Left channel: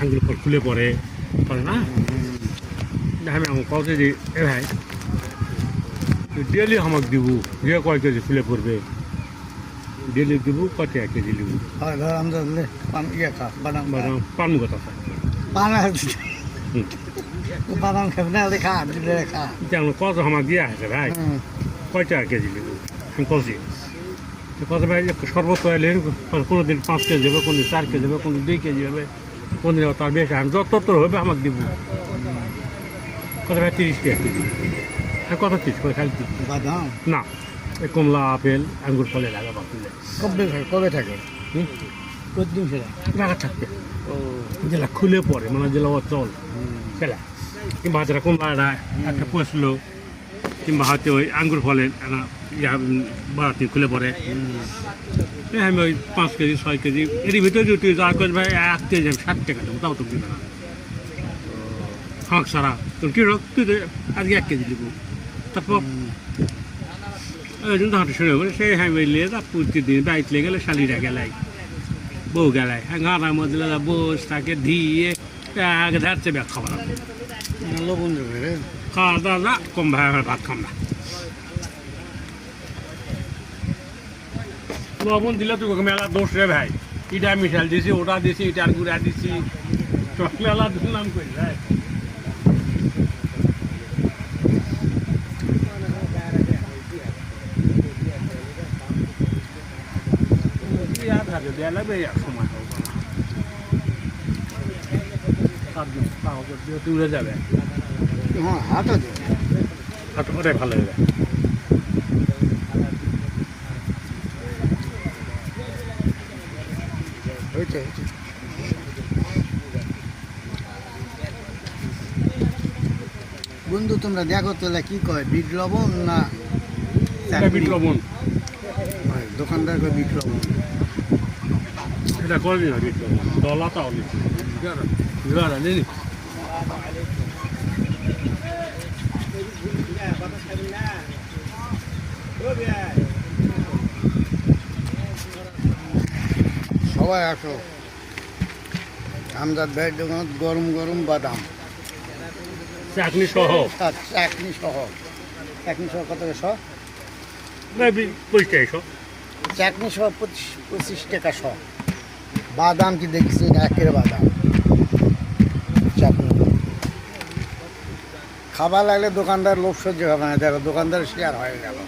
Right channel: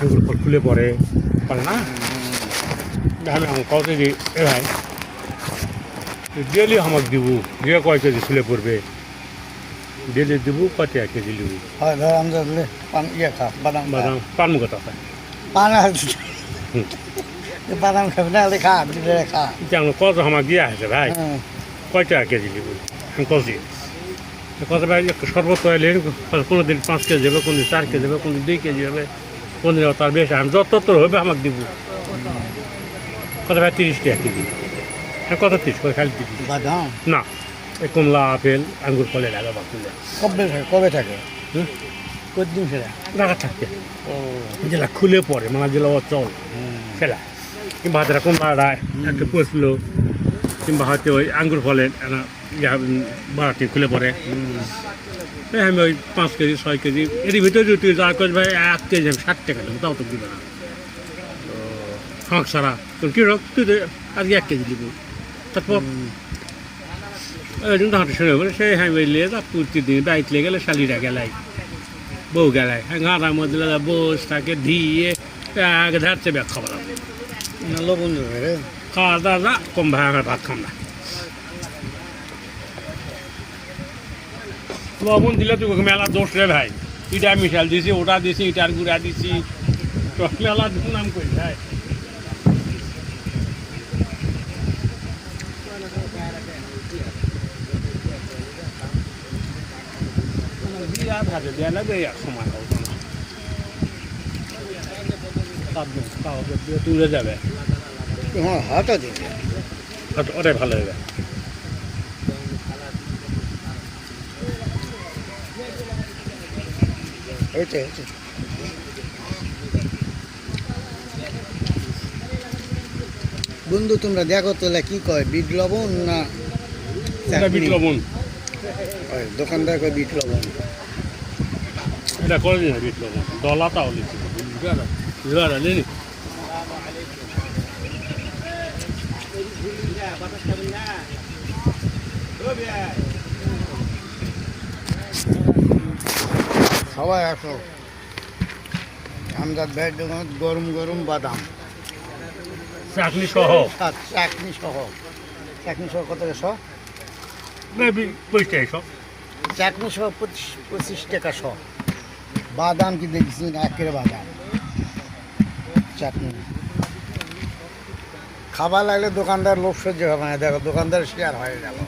আঙ্গুল খুলে পড়ে পারে না আমি আমার কত কেজি এ ভাই ডেলি আমাকে দিব যে কয় কেজি খুলে পড়বে ডেলি দিব কত কেজি লিব হয় ধর আমরা পান ইয়ে খা বাদাম বাদাম পানমু কথা পান বাদাম খাবি না হলে খা দিলে খা যেমন কত আমাকে দিয়ে আছে ভাই কয় টাকা কেজি লিব আমি কত কত ভাই শরবত খাইলে কোনো দিন 5 কেজি যাবে কোনো দিন 4 কেজি যাবে কোনো দিন 2 কেজি হবে কোনো দিন তার বেশি আমি যত হবে আমাকে দিব কত ভাই 30 টাকা কেজি হ্যাঁ কত 30 করে খালি দিবি বাদাম না এই কমলা আপেল আঙ্গুর ফলে লাগা বাকুলে কবে থাকে কতদিন সেটা লাগা থাকতে ও যেটা খুলে পড়ে মানে যেটা চল সেটা কিংবা হাতেরা কমলাটা একটা পচলো কিংবা হয়তো ওই আঙ্গুর ফলে বাড়াতে খুলে পড়ে আমি ওই 5 কেজি 6 কেজি এর ভিতরে যদি যা করে ভাই 1 কেজি আমি 60 টাকা দেবো তাও তো দিবে না ফাঁক সারা তোর কী রক তুই আজকে 1 কেজি দিব তারপর ওই জন্য হাঁটে শুনে করে সেই হ্যাঁ লিয়ে যা প্রতিদিন বাইক লেগে গেলে শালিরা গেলাই বউ গেলাই হ্যাঁ গাঁড়ার মধ্যে বস তাকে দিয়ে আগে ধারছে ব্যাগ খাবার লবণ দেবে রে খাওয়া দাওয়া না কম ভাই আমার ভাত খাম না লবণ দিলে তুই মেলা দোষ রে ভাই ইটা মিশাল দিছি ওটা দিছি ইটার গুঁড়া দিছি মেলা নাম করি ভাই দেওয়া লাগবে সময় তুলে যাবে হ্যাঁ হাতা দে ওটাই ভালো হবে বন্ধু তোমরা দেখো তাহলে কি কয় বিট লবণ না এটা বিট লবণ দোকানদার কয় বিট লবণ এটা করে দিন বিট লবণ দলাটাও নিচ্ছি নেই সবাই আসো আমজাদ ভাইয়ের দোকান গরম গরম বাদাম চাটনি সহ চাটনি সহ কত শ 25 টাকা চাটনি সহ 25 টাকা শ বাদাম কি দেখছি না একের বাদাম চাটনি খাবার লাগলে দোকানদার লোভ সহ্য হবে না দেখো দোকানদার শেয়ার হয়ে গেল